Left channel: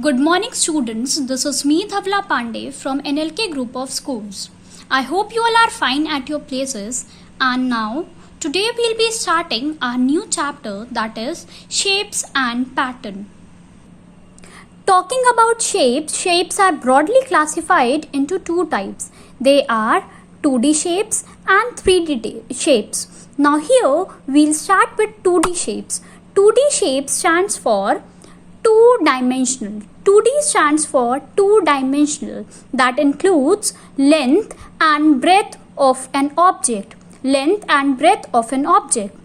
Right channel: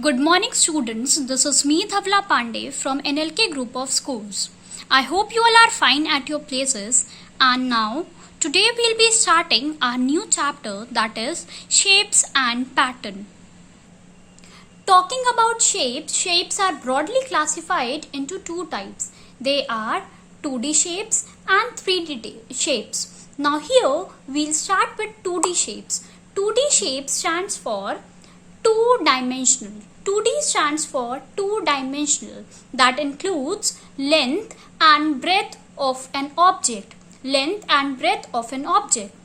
Good morning, students. This is me, Dhavla Pandey from NLK Group of Schools. I hope you all are fine at your places. And now, today we'll be starting our new chapter, that is Shapes and Pattern. Talking about shapes, shapes are broadly classified into two types. They are 2D shapes and 3D shapes. Now here, we'll start with 2D shapes. 2D shape stands for two-dimensional. 2D stands for two-dimensional. That includes length and breadth of an object. Length and breadth of an object.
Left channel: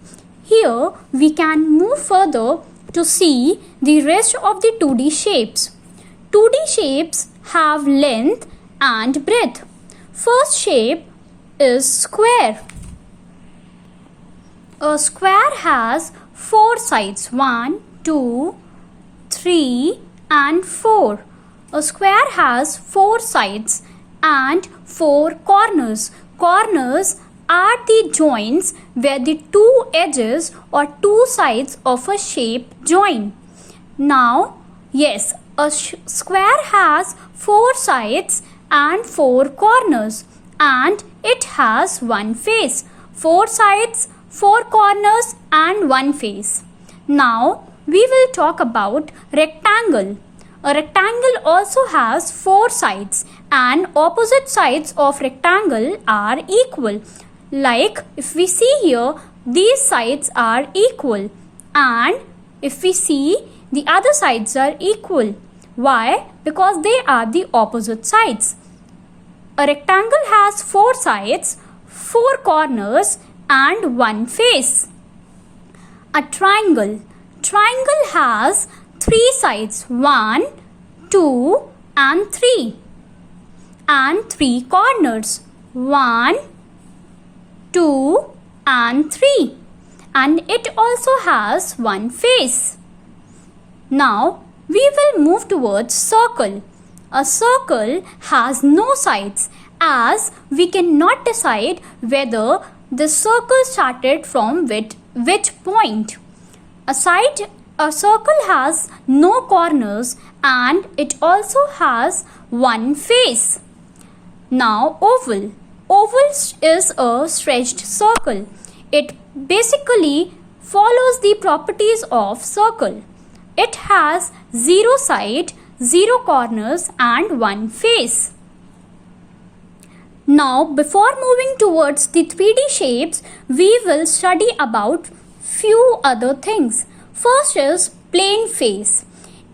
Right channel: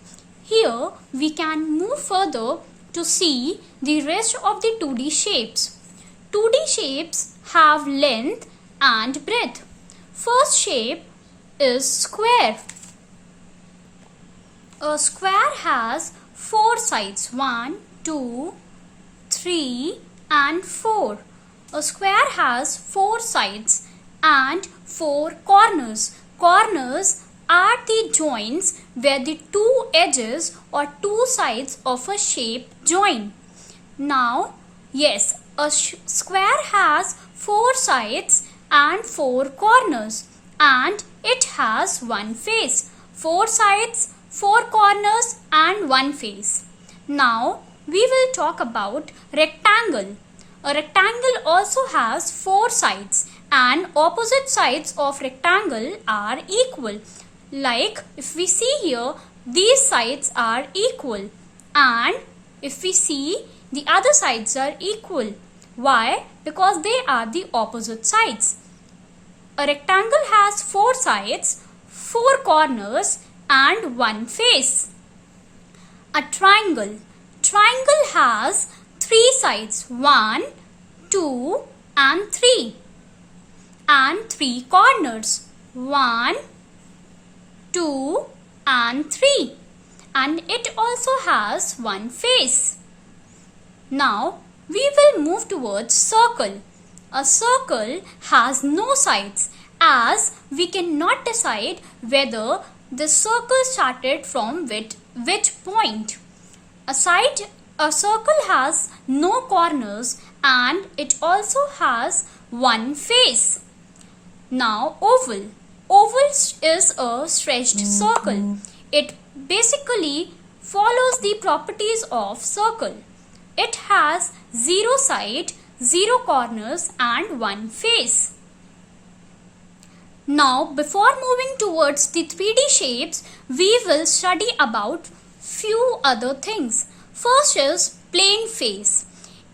Here we can move further to see the rest of the 2D shapes. 2D shapes have length and breadth. First shape is square. A square has four sides. 1, 2, 3 and 4. A square has four sides and four corners. Corners are the joints where the two edges or two sides of a shape join. Now, yes, a square has four sides and four corners and it has one face. Four sides, four corners and one face. Now, we will talk about rectangle. A rectangle also has four sides and opposite sides of rectangle are equal. Like if we see here, these sides are equal and if we see the other sides are equal. Why? Because they are the opposite sides. A rectangle has four sides, four corners and one face. A triangle. Triangle has three sides, 1, 2 and 3 and three corners, 1, 2 and 3 and it also has one face. Now we will move towards circle. A circle has no sides as we cannot decide whether the circle started from which point. A circle has no corners and it also has one face. Now oval. Oval is a stretched circle. It basically follows the properties of circle. It has zero side, zero corners and one face. Now before moving towards the 3D shapes, we will study about few other things. First is plane face.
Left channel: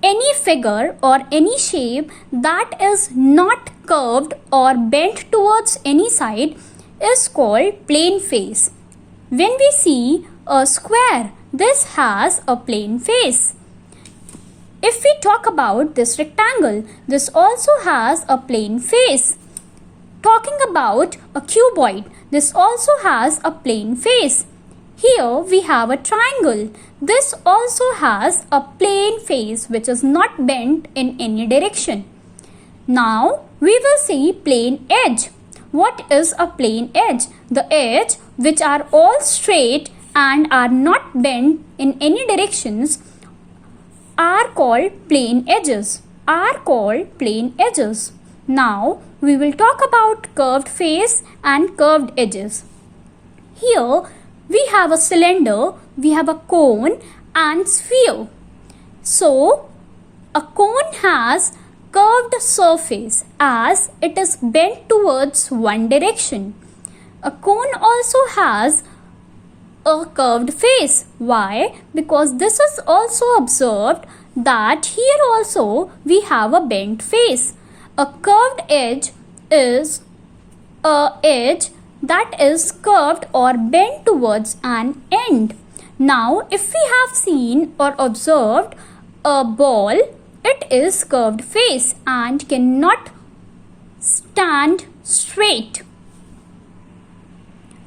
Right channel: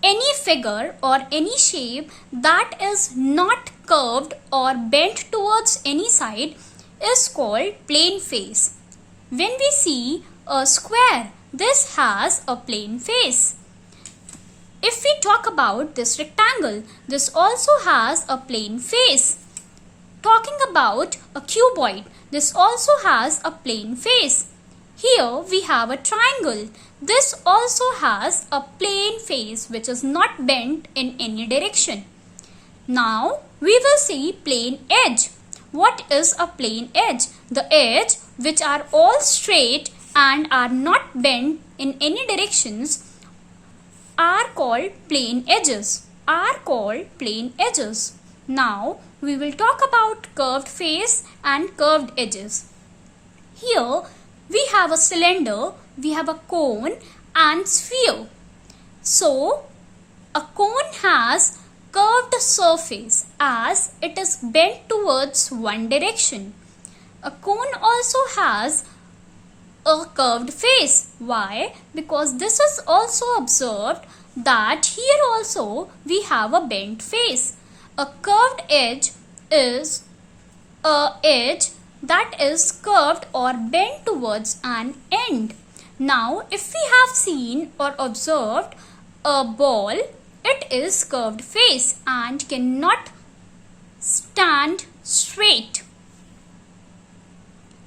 Any figure or any shape that is not curved or bent towards any side is called plane face. When we see a square, this has a plane face. If we talk about this rectangle, this also has a plane face. Talking about a cuboid, this also has a plane face. Here we have a triangle. This also has a plane face which is not bent in any direction. Now we will see plane edge. What is a plane edge? The edge which are all straight and are not bent in any directions are called plane edges. Now we will talk about curved face and curved edges. Here we have a cylinder, we have a cone and sphere. So, a cone has curved surface as it is bent towards one direction. A cone also has a curved face. Why? Because this is also observed that here also we have a bent face. A curved edge is a edge that is curved or bent towards an end. Now, if we have seen or observed a ball, it is curved face and cannot stand straight.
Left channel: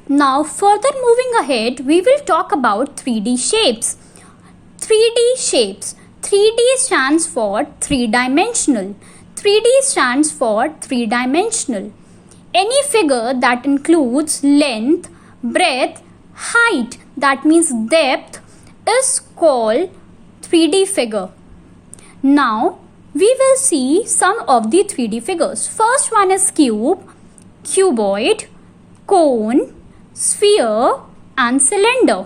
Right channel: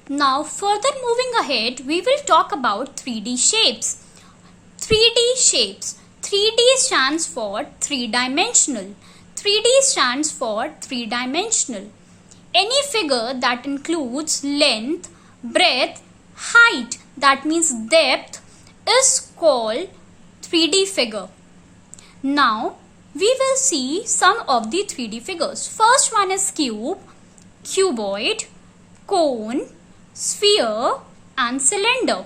Now, further moving ahead, we will talk about 3D shapes. 3D shapes. 3D stands for three-dimensional. 3D stands for three-dimensional. Any figure that includes length, breadth, height, that means depth, is called 3D figure. Now we will see some of the 3D figures. First one is cube, cuboid, cone, sphere and cylinder.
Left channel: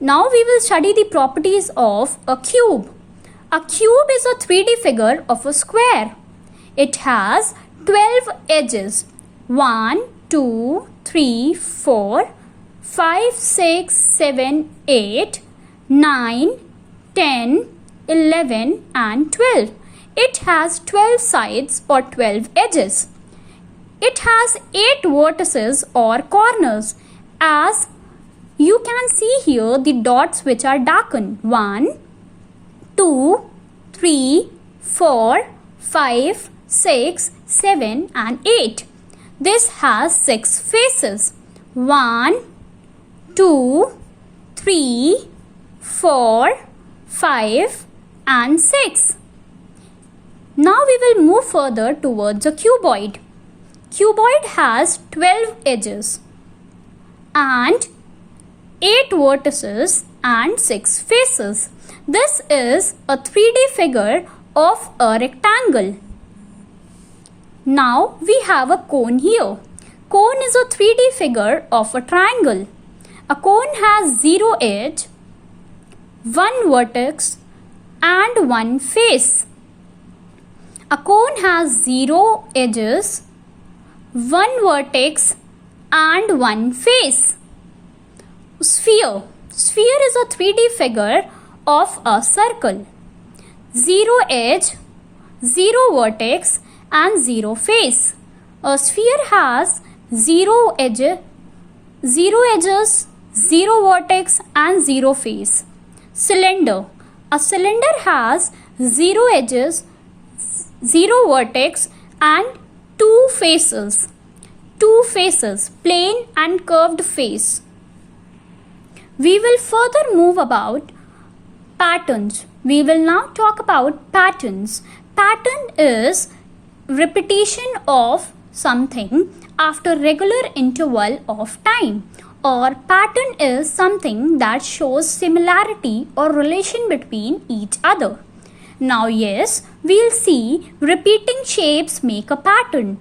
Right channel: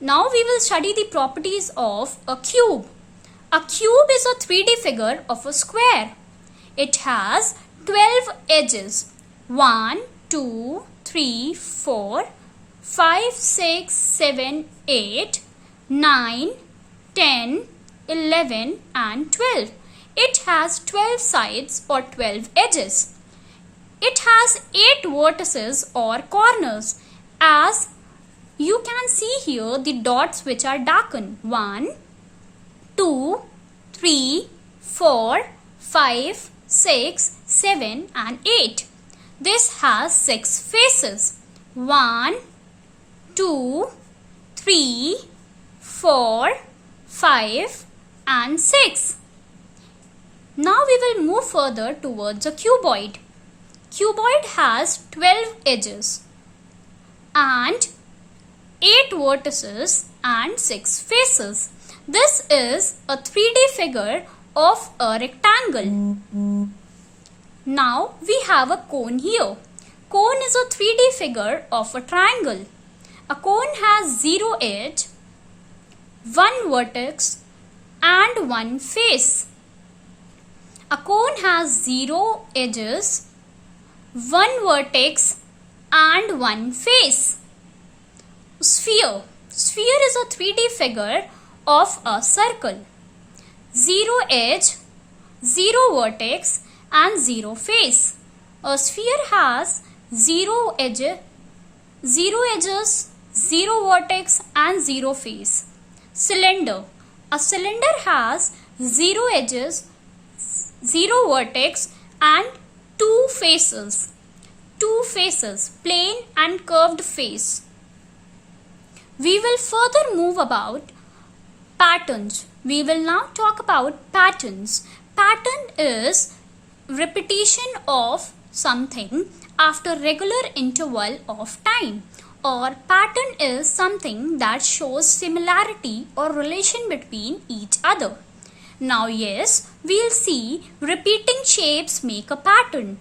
Now we will study the properties of a cube. A cube is a 3D figure of a square. It has 12 edges. 1, 2, 3, 4, 5, 6, 7, 8, 9, 10, 11 and 12. It has 12 sides or 12 edges. It has 8 vertices or corners. As you can see here the dots which are darkened. 1, 2, 3, 4, 5, 6, 7 and 8. This has 6 faces. 1, 2, 3, 4, 5 and 6. Now we will move further towards a cuboid. Cuboid has 12 edges and 8 vertices and 6 faces. This is a 3D figure of a rectangle. Now we have a cone here. Cone is a 3D figure of a triangle. A cone has 0 edge, 1 vertex and 1 face. A cone has 0 edges, 1 vertex and 1 face. Sphere. Sphere is a 3D figure of a circle. 0 edge, 0 vertex and 0 face. A sphere has 0 edges, 0 vertex and 0 face. Cylinder. A cylinder has 0 edges, 0 vertex and 2 faces. 2 faces, plain and curved face. We will further move about patterns. We will now talk about patterns. Pattern is repetition of something after regular interval of time, or pattern is something that shows similarity or relation between each other. Now yes, we'll see repeating shapes make a pattern.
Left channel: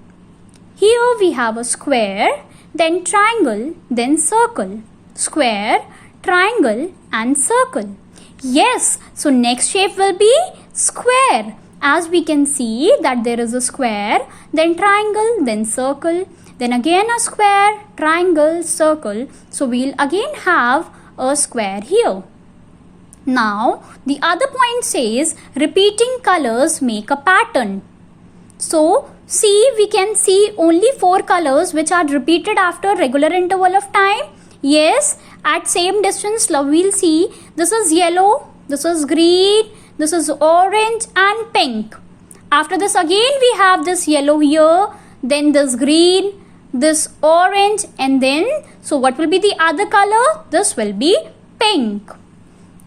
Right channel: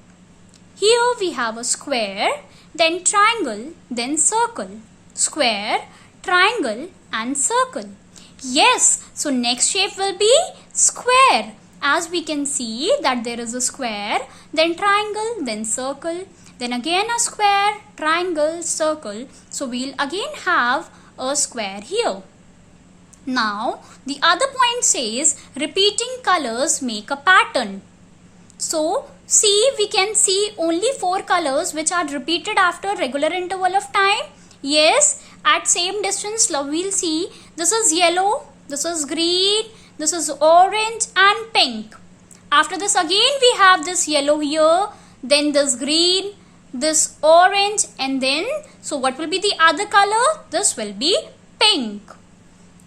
Here we have a square, then triangle, then circle. Square, triangle and circle. Yes, so next shape will be square. As we can see that there is a square, then triangle, then circle, then again a square, triangle, circle. So we'll again have a square here. Now the other point says repeating colors make a pattern. So see, we can see only 4 colors which are repeated after regular interval of time. Yes, at same distance we'll see this is yellow, this is green, this is orange and pink. After this again we have this yellow here, then this green, this orange and then, so what will be the other color? This will be pink.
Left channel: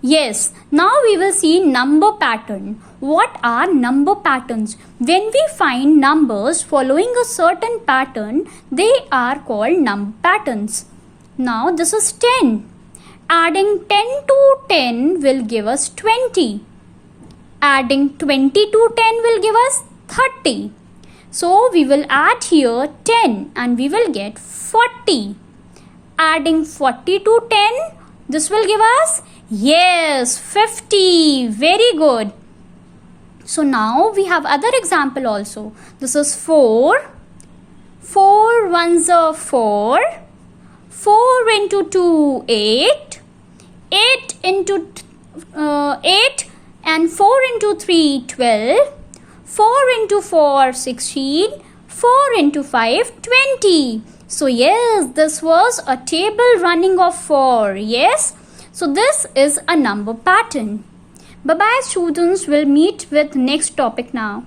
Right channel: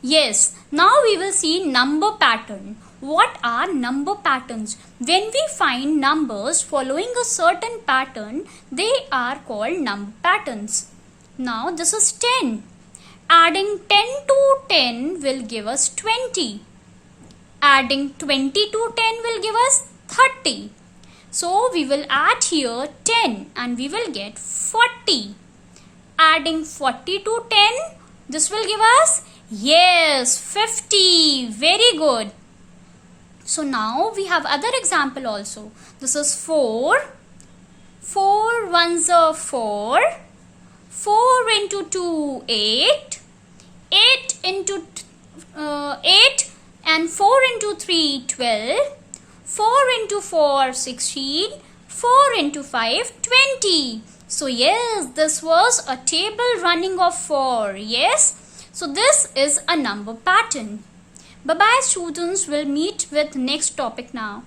Yes, now we will see number pattern. What are number patterns? When we find numbers following a certain pattern, they are called number patterns. Now this is 10. Adding 10 to 10 will give us 20. Adding 20 to 10 will give us 30. So we will add here 10 and we will get 40. Adding 40 to 10, this will give us, yes, 50. Very good. So now we have other example also. This is 4. 4 ones are 4. 4 into 2, 8. 8 into 8 and 4 into 3, 12. 4 into 4, 16. 4 into 5, 20. So yes, this was a table running of 4. Yes. So this is a number pattern. Bye-bye students. We'll meet with next topic now.